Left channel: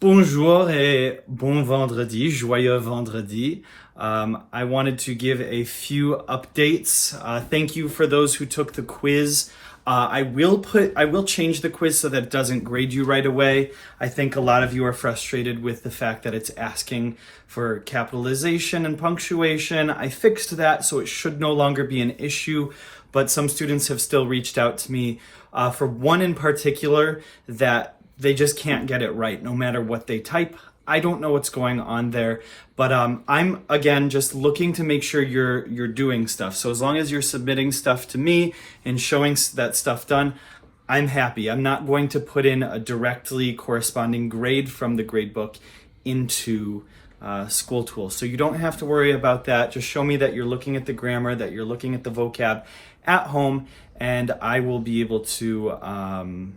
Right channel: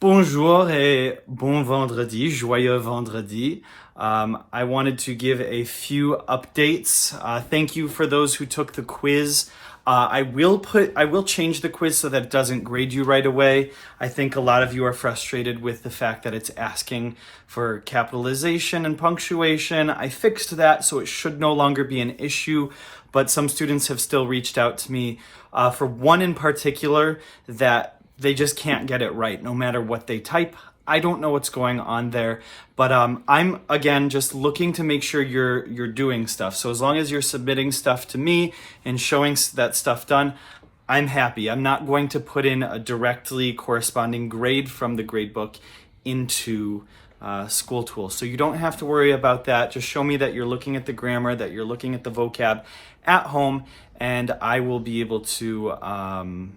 Bonjour et bon vendredi, joyeux vendredi. I wanted to give a few updates. Thank you for those who took the quiz. I will change the quiz so that it doesn't grade you right away. I think a lot of you are frustrated with the fact that it's asking for capitalization and punctuation. I fixed that, so it should no longer be an issue, but some students have still reached out to me for one in particular that they just can't get it right no matter what they type. I don't know what's going on there, but I'm again just looking to make sure you're doing stuff. So as long as you're submitting stuff to me and showing that stuff done, I'm happy. I'm not going to put in a directly corresponding grade from the gradebook into School Tool. So you don't have to worry about that. Just show me that you're looking at the grammar, that you're looking at the vocab at home, and I will be able to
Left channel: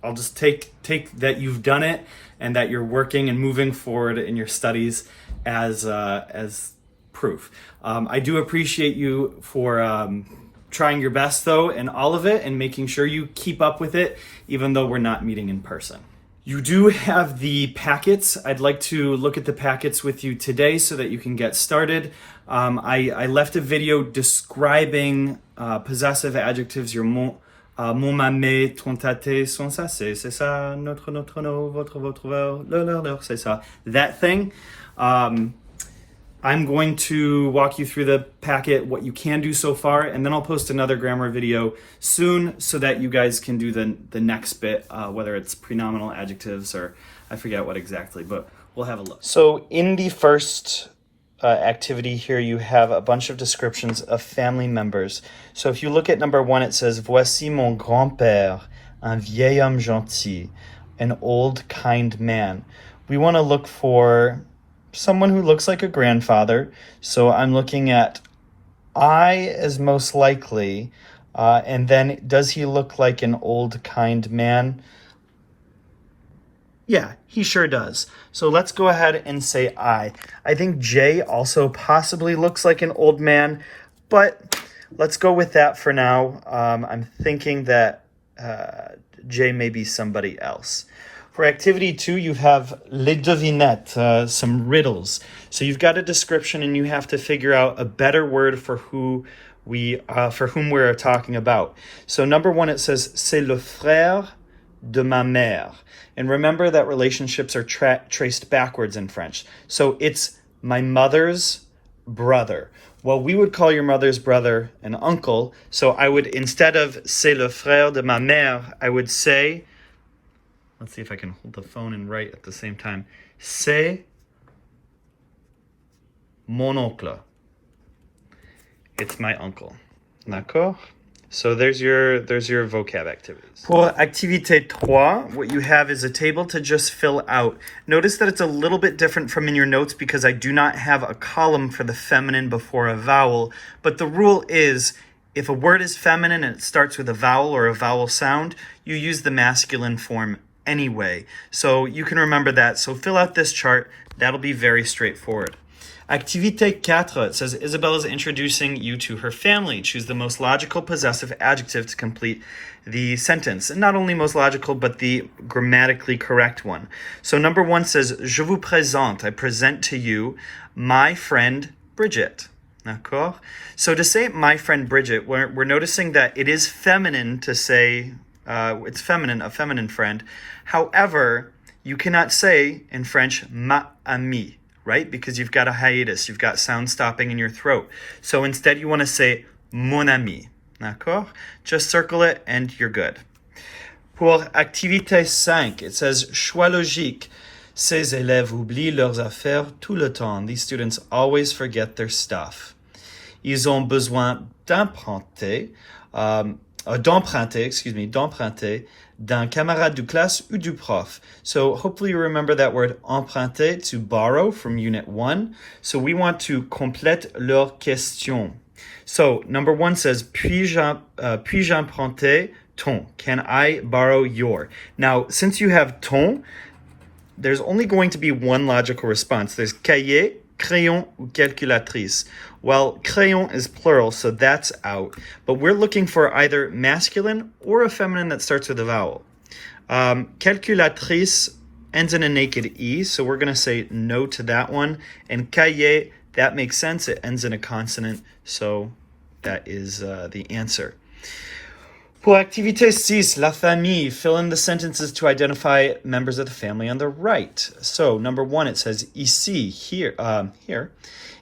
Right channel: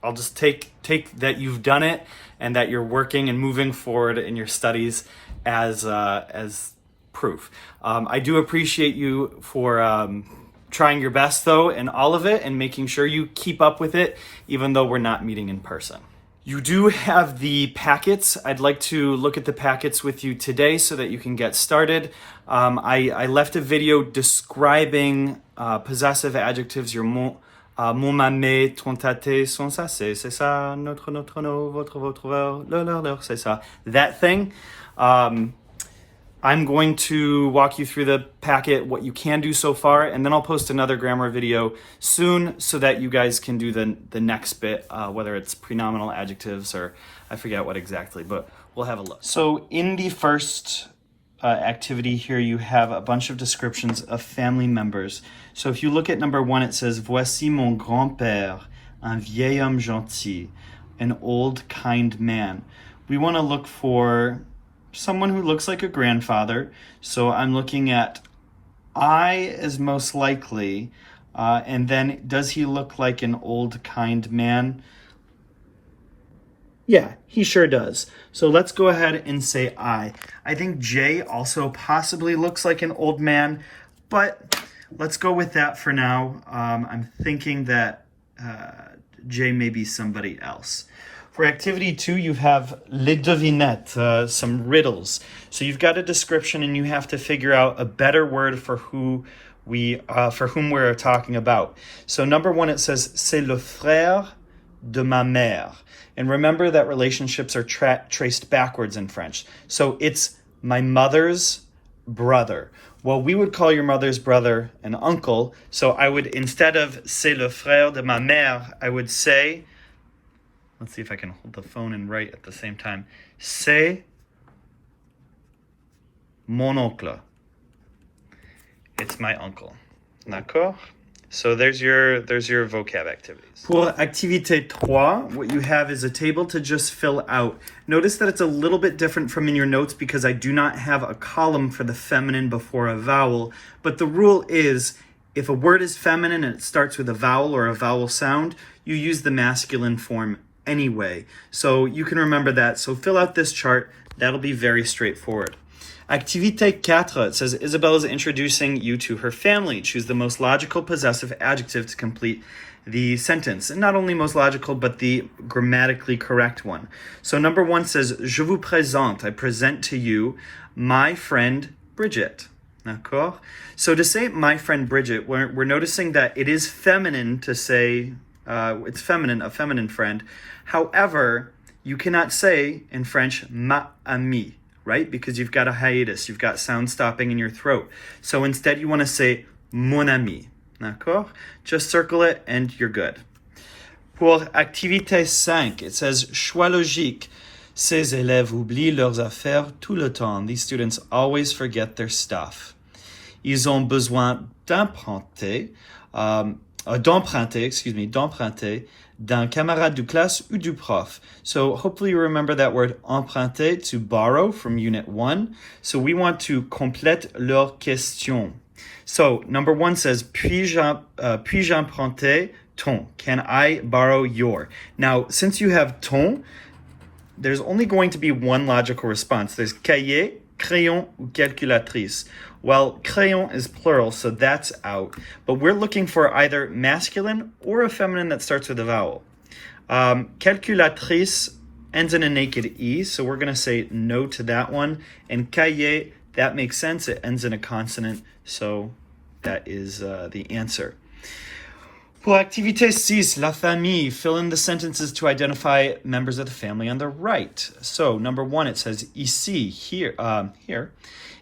I'll just take that you've done it and that you're working and moving forward in your studies as proof. I do appreciate you for trying your best though in all of it and making sure you keep up with it even though we're not meeting in person. You do have the packets. I'd like to look at the packets with you today so that you can get started. I left a video describing possessive adjectives, your mon, ma, mes, ton, ta, tes, son, ça, c'est ça, notre, nos, votre, leur, c'est ça. That thing. I'm going to walk you through the packet, what you can do so far, and then I'll post another grammar video soon so that you guys can do the next bit, whether it's prenominal adjectives or I forget what exactly, but we'll have a look. So in the first activity here, you have a bunch of descriptions of family members. So if you look at number 1, it says, Voici mon grand-père, un vieil homme gentil, an old, kind man. We want to look for someone who looks like a grandfather. So I'm looking at I as most likely, and then does he look like an old, kind man? Yeah, he sure does. So let's go ahead and say I. I think Jay also possibly looks like an old man, but let's go with that for now. I'm thinking that Jay may be somebody else. For activity 2, you have les devinettes, some riddles. So you've got a description and you have to figure out a better word for whom we're talking about. So number 1, it says, c'est le frère de ma mère. And remember that relationships are traced backwards in French. So it's my mother's brother. Well, we would call your mother's brother an uncle. So I would, instead of c'est le frère de ma mère, I would say, let's see if I can hold the phone and write at the same time, c'est mon oncle. It's my uncle. D'accord? So there's your vocab activities. For activité 3, what you have is a table to just fill out. Notice that it's a little bit different from in your notes because I do not have a column for the feminine before a vowel. But the rule is, if a word is feminine and it starts with a vowel or a vowel sound, you use the masculine form anyway. So you can remember that. So fill out this chart. That'll be very straightforward. Activité 4, it says Isabelle is introducing you to her family. Choose the most logical possessive adjective to complete the sentence. And not only most logical, but the grammatically correct one. So number 1 says, Je vous présente, I present to you my friend Bridget. D'accord? So to say my friend Bridget, we're noticing that it is feminine to say, it's feminine, a feminine friend. However, you cannot say in French, ma amie. Right? Because you've got a hiatus, you've got sound stopping in your throat. So instead you want to say mon ami. D'accord? Just circle it and you're good. Pour activité 5, it says choix logique. Ces élèves oublient leurs affaires tout le temps. These students always forget their stuff. Ils ont besoin d'emprunter d'un camarade de classe ou du prof. So hopefully you remember that word emprunter, to borrow, from Unit 1. So we want to complète leur question. So number 1 says, puis-je emprunter ton? Can I borrow your? Now, since you have ton, there's only going to be one logical response. There's cahier, crayon, ou calculatrice. Well, crayon is plural, so that's out. But we're looking for either masculine or a feminine that starts with a vowel. Calculatrice ends in a naked E, so we're going to say no to that one. And cahier, that makes sense. It ends in a consonant, so that is the answer. Pour activité 6, la famille, fill in the sentences to identify members of the family on the right. So, number 1, it says ici, here.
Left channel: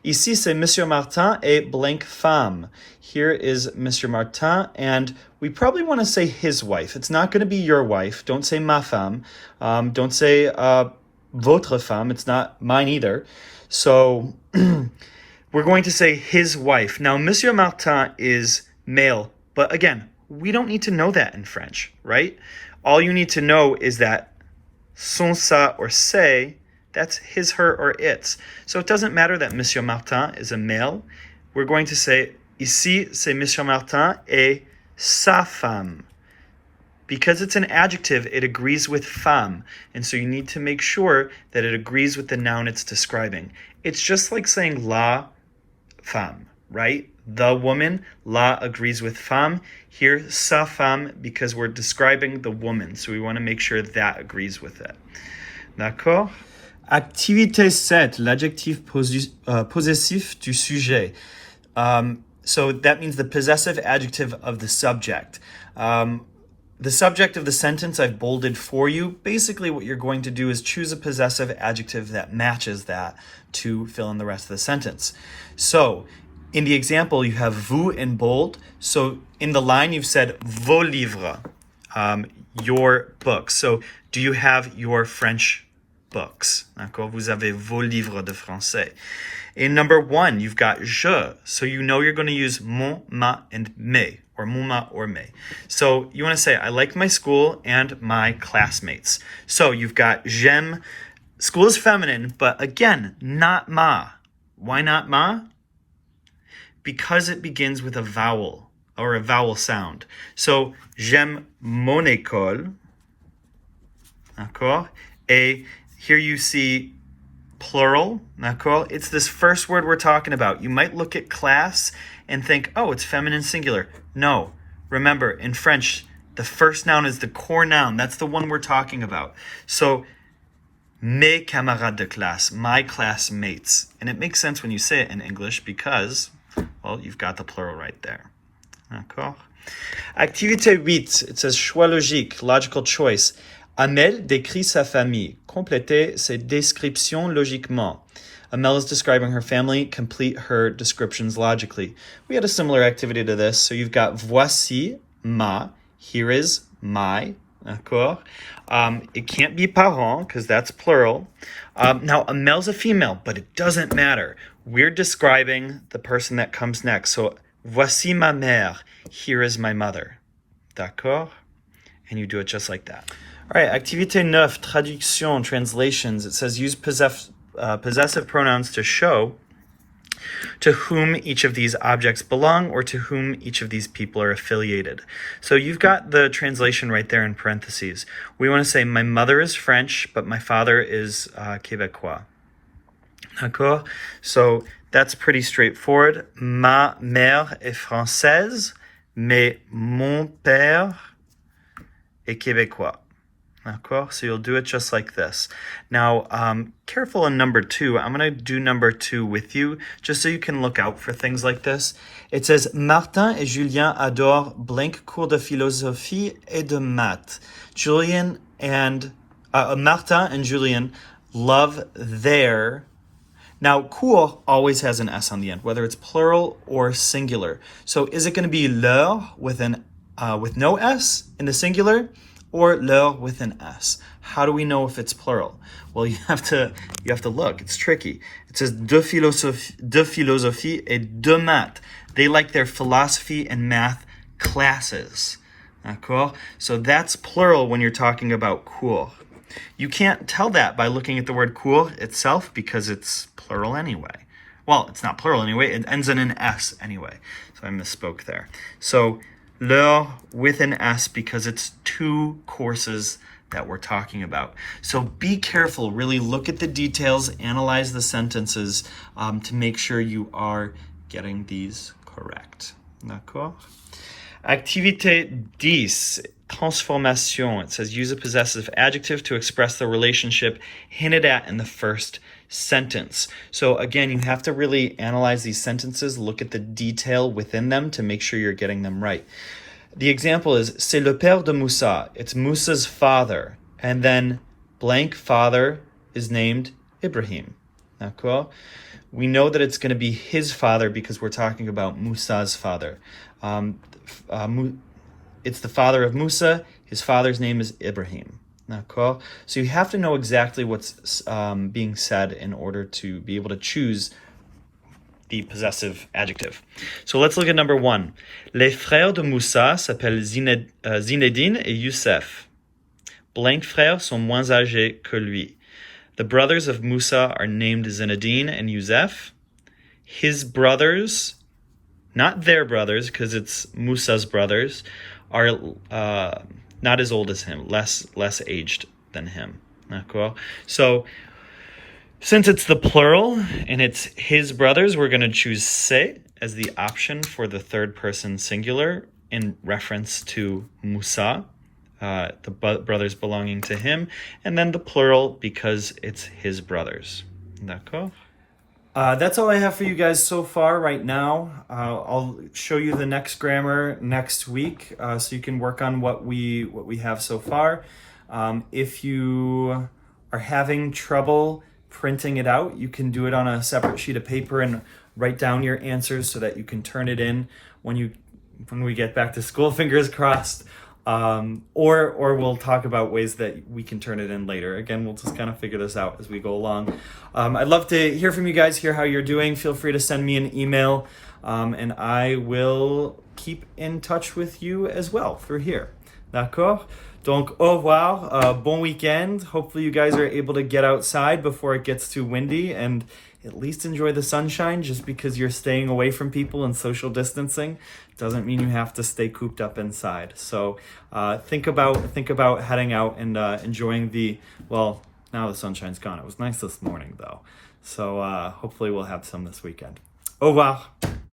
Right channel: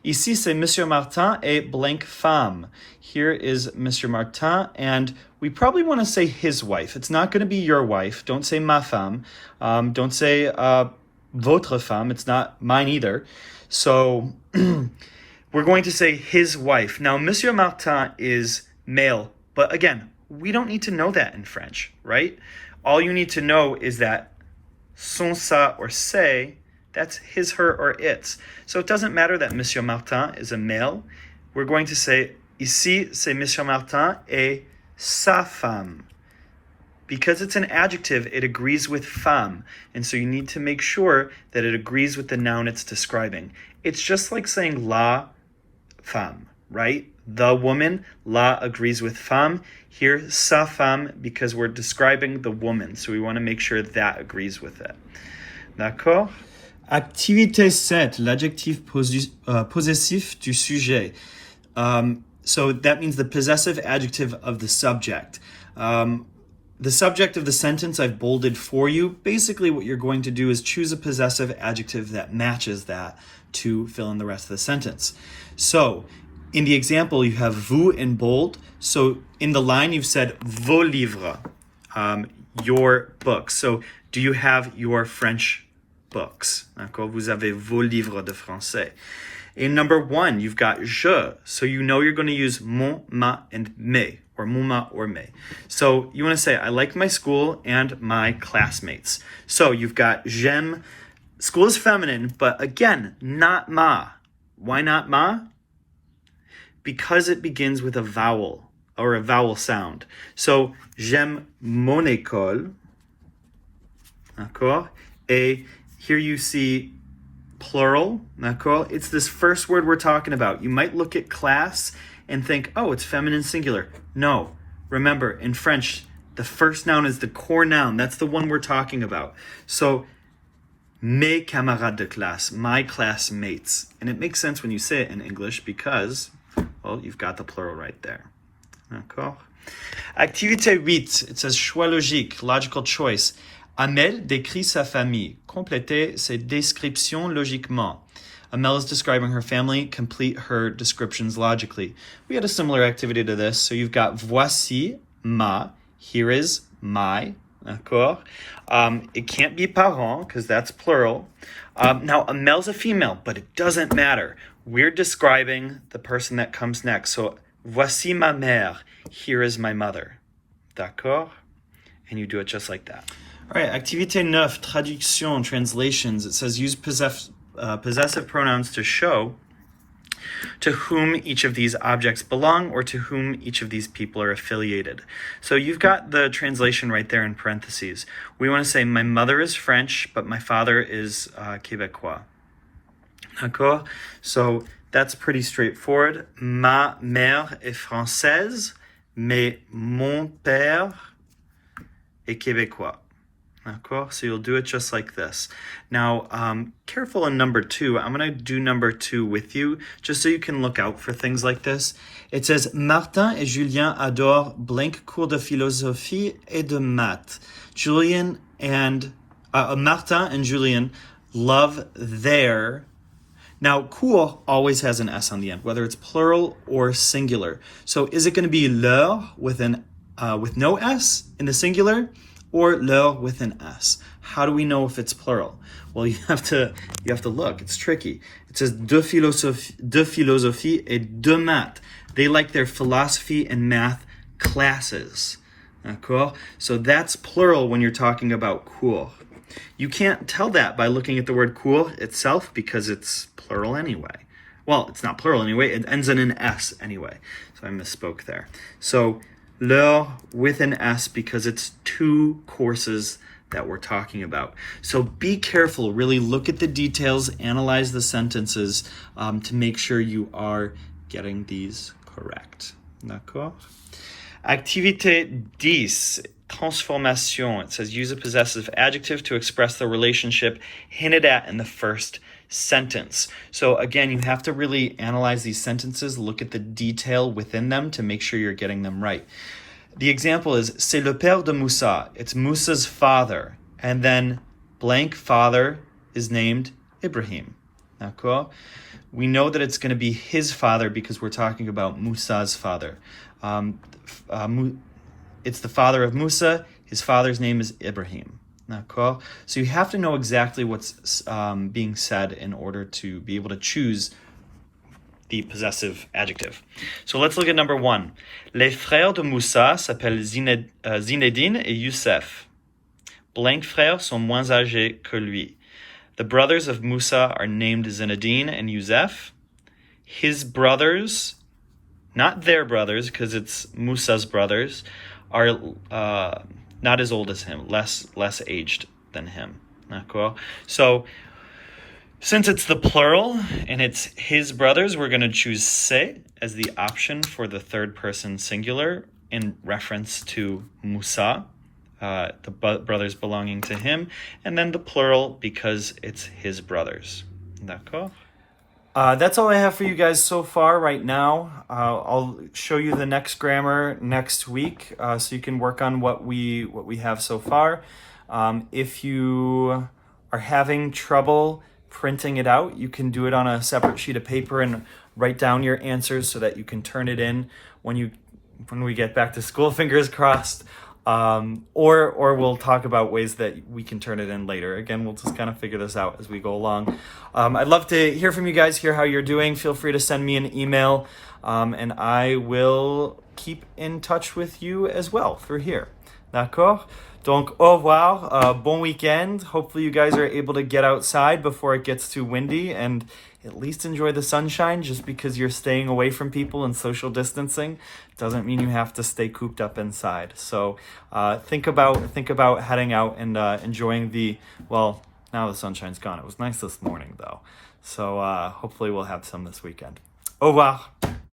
Ici, c'est Monsieur Martin et blank femme. Here is Mr. Martin, and we probably want to say his wife. It's not going to be your wife. Don't say ma femme. Don't say votre femme. It's not mine either. So we're going to say his wife. Now, Monsieur Martin is male, but again, we don't need to know that in French, right? All you need to know is that son, sa, or c'est, that's his, her, or its. So it doesn't matter that Monsieur Martin is a male. We're going to say ici, c'est Monsieur Martin et sa femme. Because it's an adjective, it agrees with femme. And so you need to make sure that it agrees with the noun it's describing. It's just like saying la femme, right? The woman, la agrees with femme. Here, sa femme, because we're describing the woman. So we want to make sure that agrees with it. D'accord? Activité 7, l'adjectif possessif du sujet. So that means the possessive adjective of the subject. The subject of the sentence I've bolded for you. Basically what you're going to do is choose a possessive adjective that matches that to fill in the rest of the sentence. So in the example, you have vous in bold. So in the line, you've said vos livres, your books. So do you have your French books? D'accord? Vous avez vos livres de français. In number 1, you've got je. So you know you're going to use mon, ma, and mes, or mon, ma, or mes. So you want to say, I like my school and my classmates. So you've got j'aime. School is feminine, but again, not ma. Why not ma? Because it begins with a vowel, or a vowel sound. So j'aime mon école. D'accord? Et here you see plural, d'accord? It's this first word we're talking about. You might look at class and think, oh, it's feminine singular. No. Remember, in French, the first noun is the core noun. That's the one we're talking about. So, mes camarades de classe, my classmates. And it makes sense when you say it in English because, well, you've got the plural right there. D'accord? Activité 8, it says choix logique, logical choice. Amel décrit sa famille. Complétez ses descriptions logiquement. Amel is describing her family. Complete her descriptions logically. We had a similar activity to this. So you've got voici ma. Here is my. D'accord? It can't be parent because that's plural. Now, Amel's a female, but it doesn't matter. We're describing the person that comes next. So voici ma mère. Here is my mother. D'accord? And you do it just like that. All right, activité 9, traduction, translations. It says use possessive pronouns to show to whom each of these objects belong or to whom each of these people are affiliated. So you've got the translation right there in parentheses. We want to say my mother is French, but my father is Québécois. D'accord? So that's pretty straightforward. Ma mère est française, mais mon père est Québécois. D'accord? So you'll do it just like this. Now, careful in number 2. I'm going to do number 2 with you, just so you can look out for things like this. It says, Martin et Julien adorent blank cours de philosophie et de maths. Martin and Julien love their... Now, cours always has an S on the end, whether it's plural or singular. So is it going to be leur with no S in the singular? Or leur with an S. How do we know if it's plural? Well, you have to look. It's tricky. It says de philosophie et de maths. They like their philosophy and math classes. D'accord? So that's plural when you're talking about cours. You can't tell that by looking at the word cours itself because it's plural anyway. Well, it's not plural anyway. It ends in an S anyway. So I misspoke there. So leur with an S because it's 2 courses that we're talking about. So be careful, really look at the details, analyze the sentences to make sure you are getting these correct. D'accord? Activité 10. transformation. It says use a possessive adjective to express the relationship hinted at in the first sentence. So again, you have to really analyze these sentences, look at the detail within them to make sure you're getting them right. The example is, c'est le père de Moussa. It's Musa's father. And then blank father is named Ibrahim. D'accord? We know that it's going to be his father because we're talking about Musa's father. It's the father of Musa. His father's name is Ibrahim. D'accord? So you have to know exactly what's being said in order to be able to choose the possessive adjective. So let's look at number 1. Les frères de Moussa s'appellent Zinedine et Youssef. Blank frères sont moins âgés que lui. The brothers of Musa are named Zinedine and Youssef. His brothers, not their brothers, because it's Musa's brothers, are not as old as him, less aged than him. D'accord? So, since it's the plural and it's his brothers, we're going to choose se as the option for the third person singular in reference to Musa, the brothers belonging to him, and then the plural because it's his brothers. D'accord? That's all I have for you guys so far right now. I'll show you the next grammar next week, so you can work on what we have so far. If you are having trouble printing it out, you can do it on a separate sheet of paper and write down your answers so that you can turn it in when we get back to school, fingers crossed. Or we'll talk about ways that we can turn it in later. Again, we'll just kind of figure this out as we go along. I'd love to hear from you guys, hear how you're doing. Feel free to send me an email, and I will keep in touch with you as well through here. D'accord? Donc, au revoir, bon weekend. Hopefully you guys are able to get outside before it gets too windy and at least enjoy the sunshine. Just because you're staying away from people and social distancing doesn't mean you have to stay cooped up inside. So think about heading out and enjoying well, now the sunshine's gone. It was nice this morning though. So hopefully we'll have some this weekend. Au revoir.